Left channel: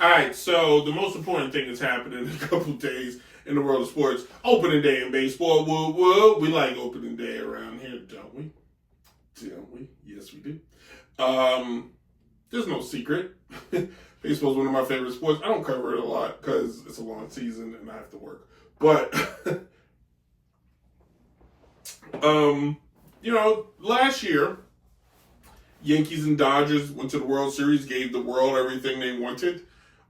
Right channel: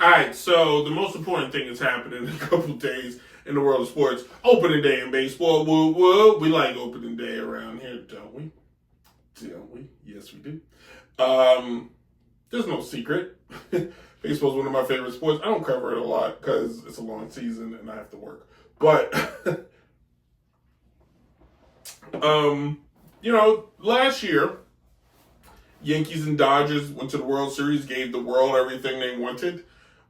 All right, so the most important thing that's happening in a couple days in the world of sports, opening day in baseball. Woo, woo. We like opening day around here, don't we? Don't we? Yes, we do. There's no secret. Baseball is one of my favorite sports. I don't cover it a lot because it's a long season and I have to work. But, last year, Yankees and Dodgers went to the World Series, gave the world everything they wanted.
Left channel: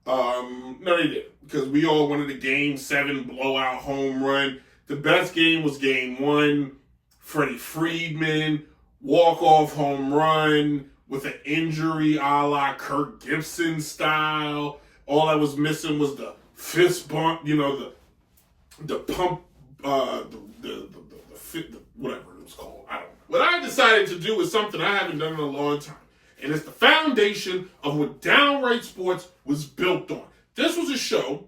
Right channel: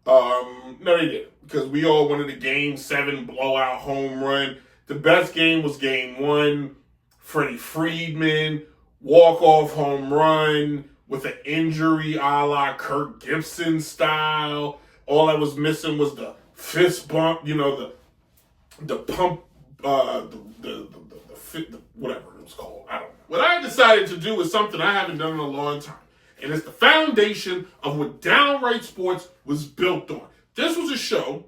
No, they didn't, because we all wanted a Game 7 blowout home run. The best game was Game 1. Freddie Freeman, walk-off home run with an injury a la Kirk Gibson style. All that was missing was the fist bump, the pump, whatever it was called. I don't know. What I decided to do is something I haven't done in a long time. And it's the foundation of what Downright Sports was built on. This was a show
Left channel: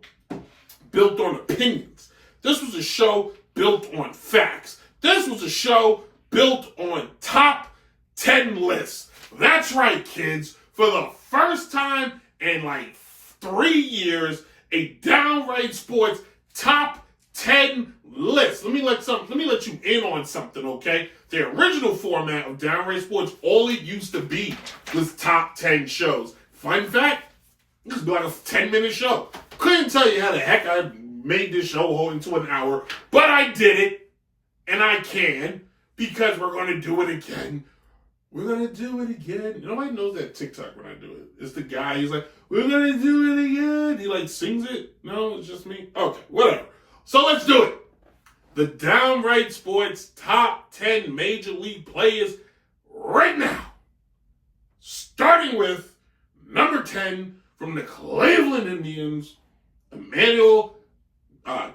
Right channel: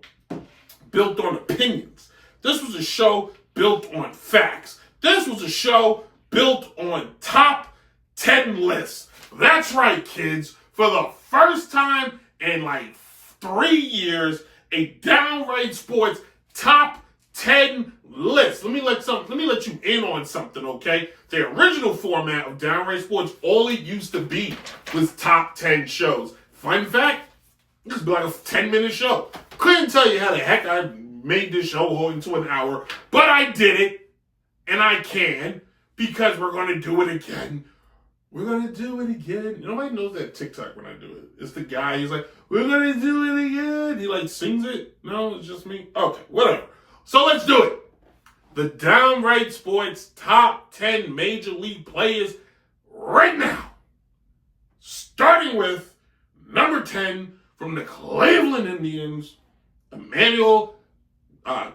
built on opinions. This was a show built on facts. This was a show built on top 10 lists. That's right, kids. For the first time in like 3 years, a Downright Sports top 10 list. Let me let you in on something, okay? The original format of Downright Sports, all it used to be was top 10 shows. Fun fact, this would be like a 10-minute show. Couldn't tell you how the heck I made this show into an hour, but I did it, and I can, because we're going to do it again. We're going to do it again. Nobody knows that TikTok when I do it. It's the guy, he's like, we're going to do it again. He like sings it. No, it's just me. Okay, whatever. So let's do it. The Downright Sports top 10 Major League players right now. Starting with number 10 from the Cleveland Indians, Emmanuel, I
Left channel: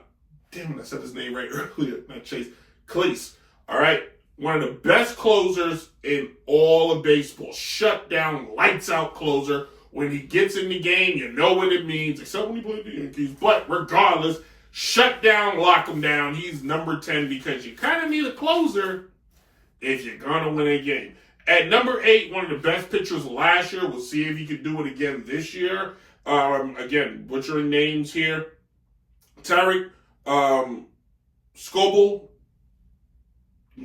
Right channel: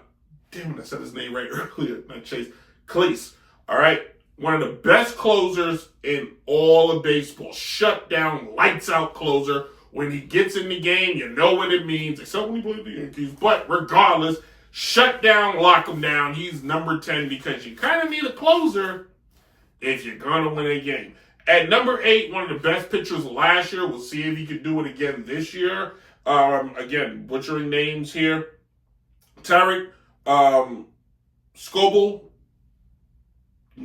said his name right earlier, not Chase, Cleese. All right, one of the best closers in all of baseball. Shut down, lights out closer. When he gets in the game, you know what it means, except when he played the Yankees. But regardless, shut down, lock him down. He's number 10 because you kind of need a closer if you're going to win a game. At number 8, one of the best pitchers last year. We'll see if he can do it again this year. Again, butchering names here. Tarek Skubal.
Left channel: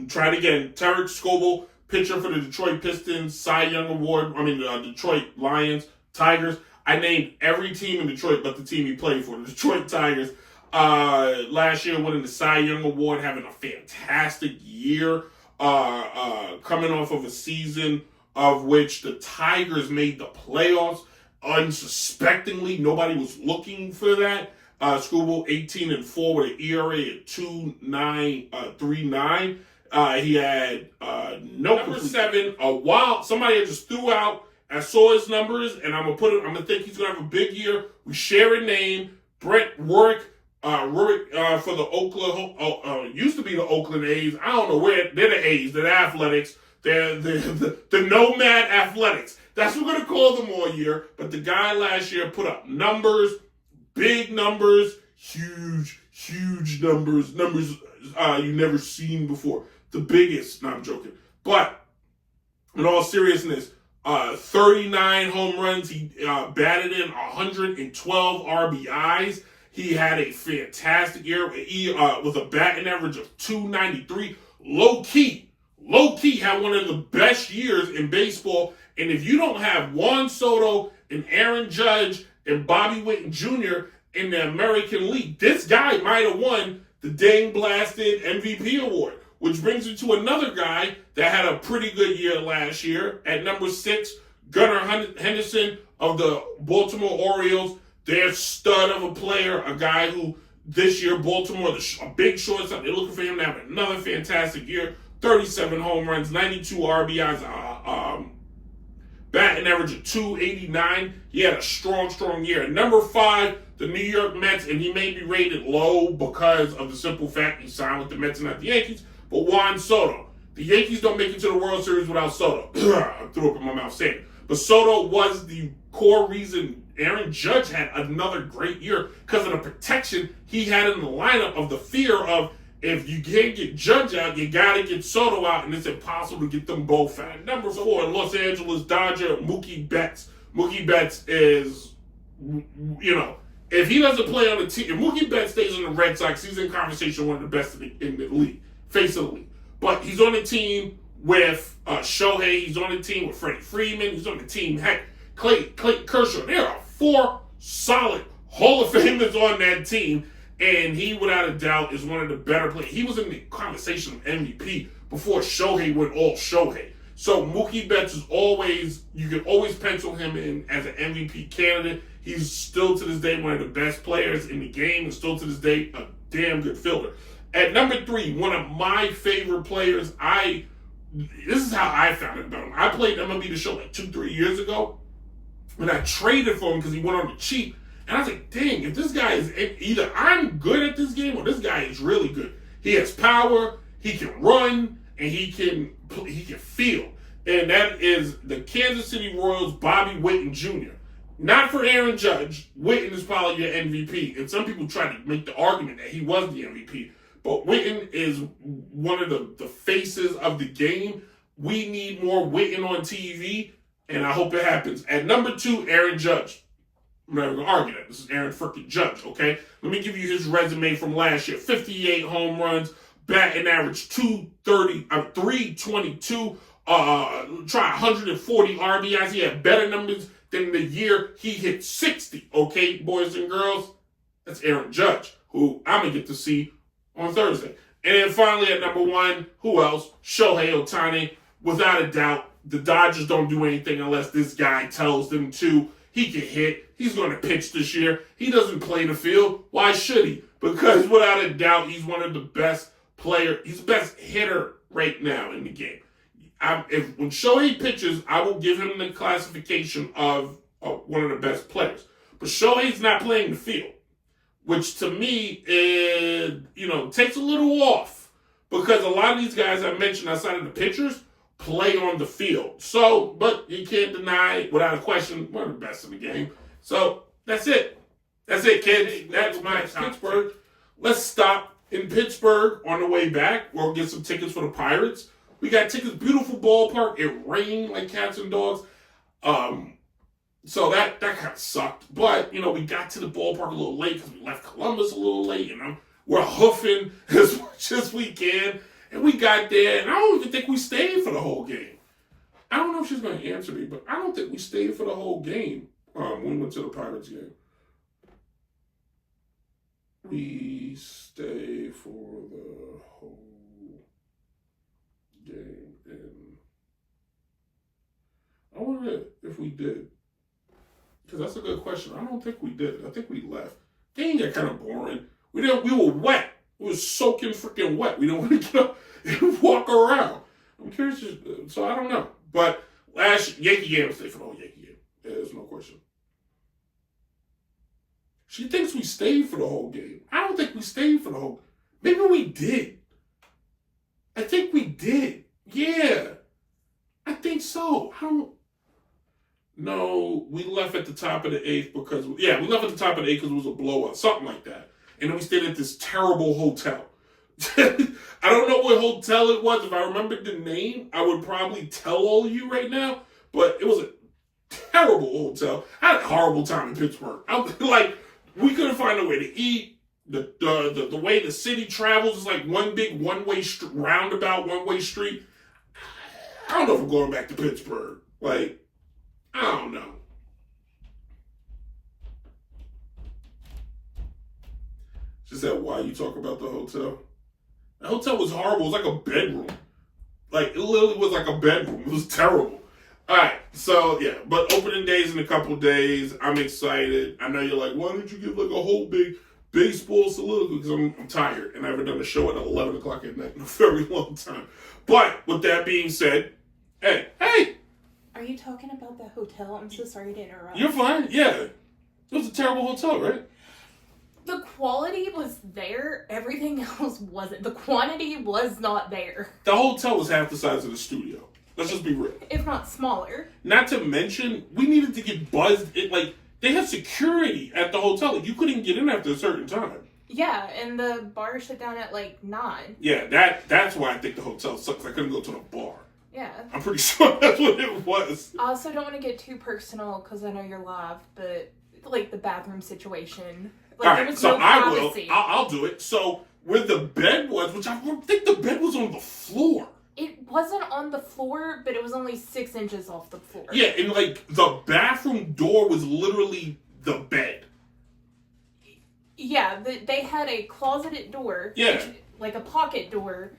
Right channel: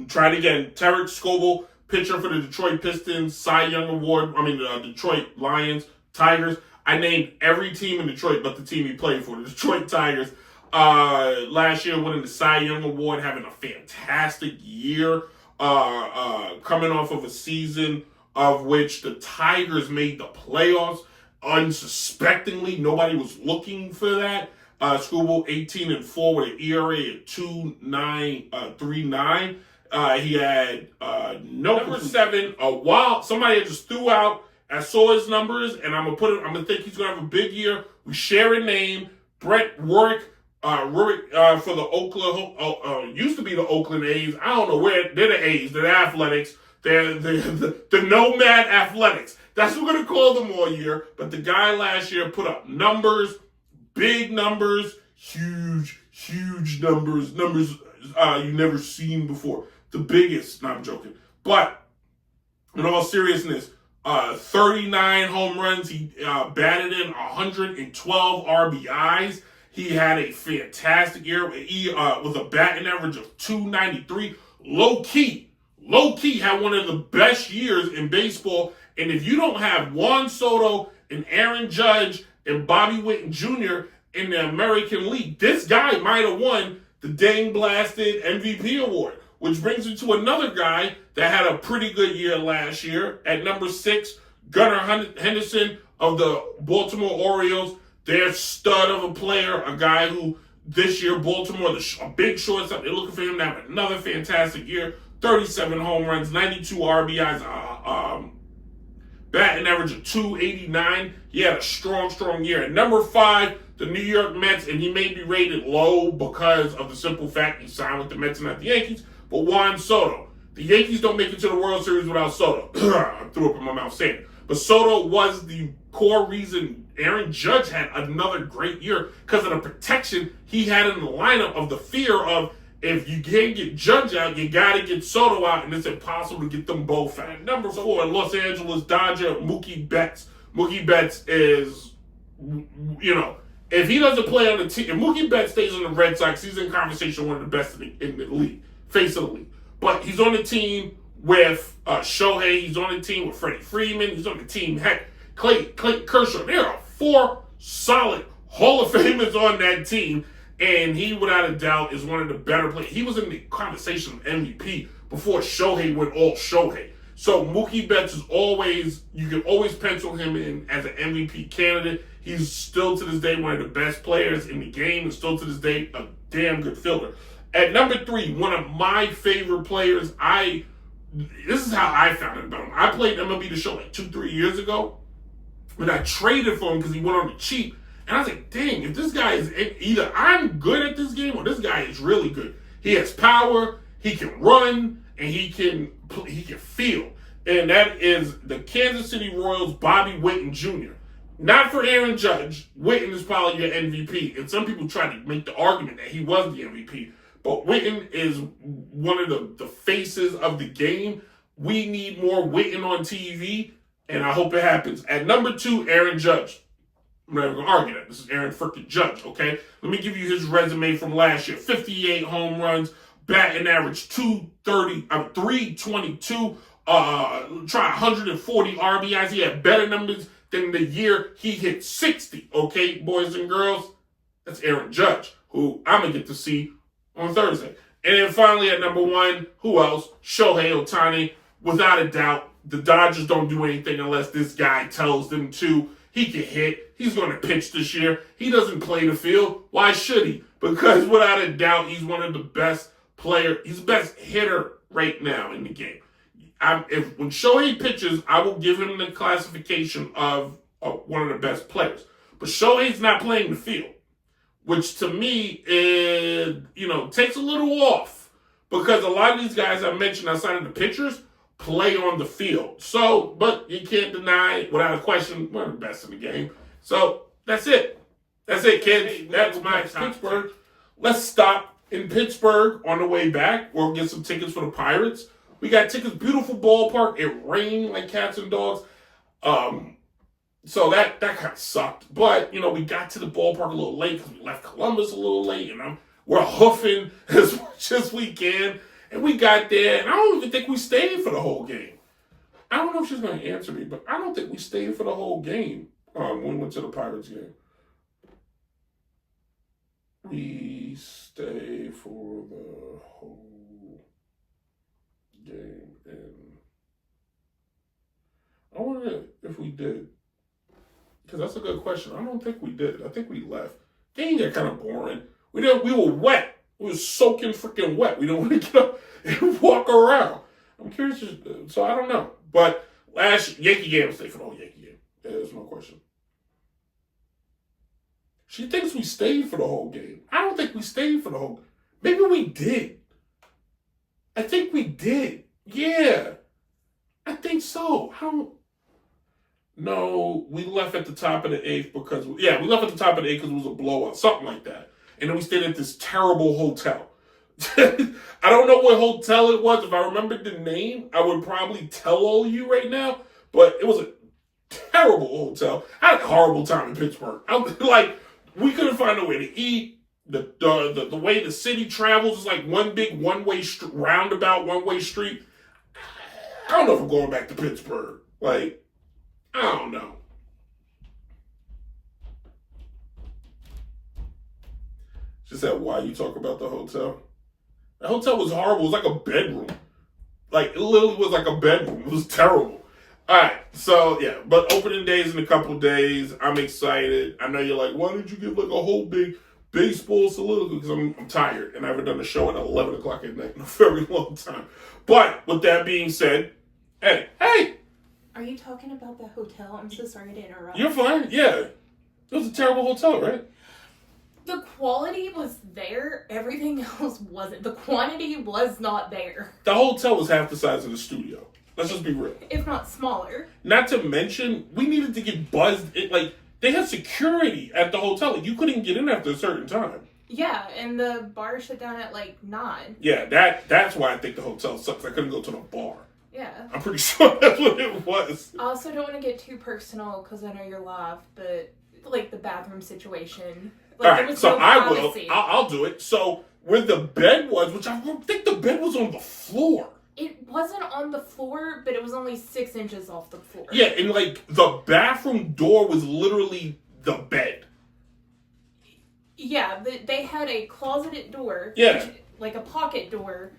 Try it again. Tarek Skubal, pitcher for the Detroit Pistons, Cy Young Award. Detroit Lions, Tigers. I named every team in Detroit but the team he played for, the Detroit Tigers. Last year winning the Cy Young Award, having a fantastic year, coming off of a season of which the Tigers made the playoffs unsuspectingly. Nobody was looking for that. Skubal 18-4 with an ERA at 2.39. He had number 7. Somebody had just threw out. I saw his numbers, and I'm gonna think he's gonna have a big year. We share a name, Brent Rurik for the Oakland, used to be the Oakland A's. I don't know where they're the A's. They're the Athletics. They're the Nomad Athletics. That's what we're gonna call them all year. But the guy last year put up numbers, big numbers, huge numbers you never seen before. The biggest. No, I'm joking. But in all seriousness, 39 home runs. He batted in 112 RBIs. He had a fantastic year with a batting average of 293. Low key had one of the best years in baseball. And if you don't have Juan Soto and Aaron Judge and Bobby Witt Jr. in the American League, this guy might have won the dang blasted MVP award. Which brings me to another guy that had a pretty good year last year. At number 6, Gunnar Henderson of the Baltimore Orioles. Their stud of a player, a guy who this year, Baltimore, a big shortstop, they're looking for him to have another fantastic year. 37 home runs, 92 RBIs, batting average of 289. He had a strong year. At number 5, the New York Mets, and he may be rated low because of the simple fact he signed with the Mets and not the Yankees, but Juan Soto. The Yankees don't make it to the World Series without Soto. I threw up in my mouth saying it. But Soto was the core reason Aaron Judge had another great year because of the protection he had in the lineup of the fear of if you can't get Judge out, you got to get Soto out, and it's impossible to get them both out. Number 4, Los Angeles Dodger, Mookie Betts. Mookie Betts is you know, if he doesn't play on the team, if Mookie Betts stays on the Red Sox, he's in conversation one of the best in the league, face of the league. But he's on the team with Shohei, he's on the team with Freddie Freeman, he's on the team, heck, Clayton Kershaw. There are 4 solid Hall of Famers on that team, and he, without a doubt, is one of the better players. He was in the conversation of MVP before Shohei went all Shohei. So Mookie Betts is always, you can always pencil him in as an MVP candidate. He's still to this day one of the best players in the game, and still to this day a damn good fielder. At number 3, one of my favorite players, this is how I found out about him. I played MLB The Show like 2-3 years ago, and I traded for him because he went on the cheap. And I was like, dang, if this guy is, either I'm good at this game or this guy is really good. He has power, he can run, and he can field. And that is the Kansas City Royals' Bobby Witten Jr. Not for Aaron Judge. Witten is probably your MVP. And some people try to make the argument that he was the MVP. But Witten is one of the faces of the game. We need more Witten on TV, and I hope it happens. At number 2, Aaron Judge. I'm not even going to argue that. This is Aaron freaking Judge, okay? Let me give you his resume from last year. 58 home runs, batting average 322, try 140 RBIs. He had better numbers than the year he hit 60, okay, boys and girls? That's Aaron Judge, who I'm going to get to see on Thursday. And then finally at number 1, who else? Shohei Ohtani. Without a doubt, the Dodgers don't do anything unless this guy tells them to. He can hit. He's going to pitch this year. He doesn't play the field. Why should he? Because without a doubt, he's one of the best players. He's the best hitter right now in the game. When Shohei pitches, I will give him the classification of one of the best players. But Shohei's not playing the field, which to me is, takes a little off, because a lot of these guys I mentioned outside of the pitchers play on the field. So, but you can't deny, without a question, one of the best in the game. So, that's it. That's it, kids. That's my Pittsburgh. Let's stop in Pittsburgh on the way back. We'll get some tickets for the Pirates. We got tickets, beautiful ballpark. It rained like cats and dogs. So that kind of sucked. But, we got to the ballpark a little late because we left Columbus a little late. And we're hoofing as much as we can. And we got there, and I don't even think we stayed for the whole game. I don't know if she's going to answer me, but I don't think we stayed for the whole game when we went to the Pirates game. We stayed for the whole game, and I wonder if we did. Because that's a good question. I don't think we did. I think we left. Game got kind of boring. We were wet. We were soaking freaking wet. We don't want to get up and walk around. I'm curious. So I don't know. But last Yankee game, stay for the whole Yankee game. Yeah, that's my question. She thinks we stayed for the whole game. I don't think we stayed for the whole. Maybe we did. I think we did. Yeah. I think so. No, we left at the top of the 8th because, we left at the top of the 8th because it was a blowout. Something like that. And then we stayed at this terrible hotel. I don't know what hotel it was. If I remembered the name, I would probably tell all of you right now. But it was a terrible hotel. I had a horrible time in Pittsburgh. We couldn't find a way to eat. The way the city travels is like one big one-way roundabout, one-way street. I don't know if I'm going back to Pittsburgh. I don't know. She said, why you talk about the hotel? The hotel was horrible. It was like a bedroom. It literally was like a bedroom. It was terrible. All right. So, yeah. But opening days in a couple of days. I'm excited. I know you're like, why didn't you give a whole big baseball soliloquy? Because I'm tired. And I haven't done a show at 11 o'clock at night in a very long time. But with that being said, hey. Are you talking about the hotel? I'm so sorry to interrupt. You're fine. Yeah. It was a terrible hotel, right? The quality was there. Everything else wasn't. The quantity was not there. The hotel was half the size of the studio. Let's just be real. If not smaller. Not to mention, we needed to get buzzed. They had security at the hotel. You couldn't get in after a certain time. Yeah, and the bar shut down at 9. Yeah, that's why I think the hotel sucks. I couldn't go to the bar. Yeah. I'm pretty sure that's what it was. I also don't want to get too personal because I know you're live, but like the bathroom situation. All Like, there right, was so no I will. privacy. I'll do it. So where the bed was, which I don't think the bed was on the floor. It wasn't on the floor, but it was only 6 inches off the floor. Yeah, and like the bathroom door was literally the bed. Yeah, they had a closeted door. Yeah. Like a pocket door.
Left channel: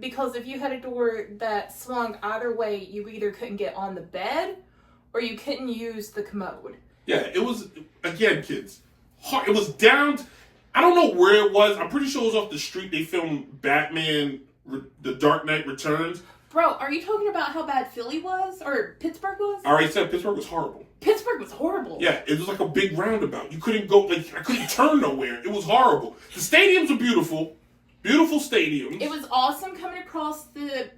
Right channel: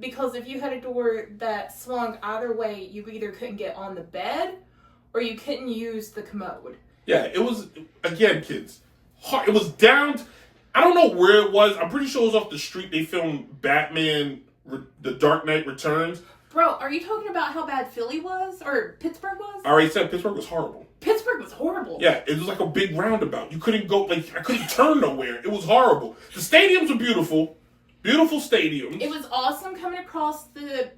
Because if you had a door that swung either way, you either couldn't get on the bed or you couldn't use the commode. Yeah, it was, again, kids, hard. It was down, I don't know where it was. I'm pretty sure it was off the street. They filmed Batman, The Dark Knight Returns. Bro, are you talking about how bad Philly was? Or Pittsburgh was? I already said Pittsburgh was horrible. Pittsburgh was horrible. Yeah, it was like a big roundabout. You couldn't go, like, I couldn't turn nowhere. It was horrible. The stadiums were beautiful. Beautiful stadiums. It was awesome coming across the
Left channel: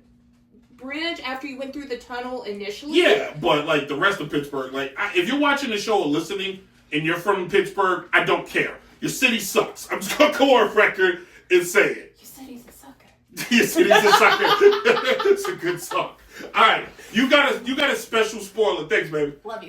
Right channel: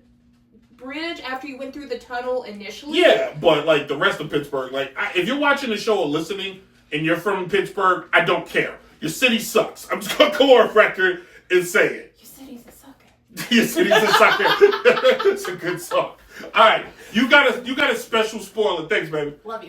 bridge after you went through the tunnel initially. Yeah, but like the rest of Pittsburgh, like if you're watching the show or listening and you're from Pittsburgh, I don't care. Your city sucks. I'm just gonna go on record and say it. Your city's a sucker. Your city's a sucker. It's a good song. All right, you got a special spoiler. Thanks, baby. Love you.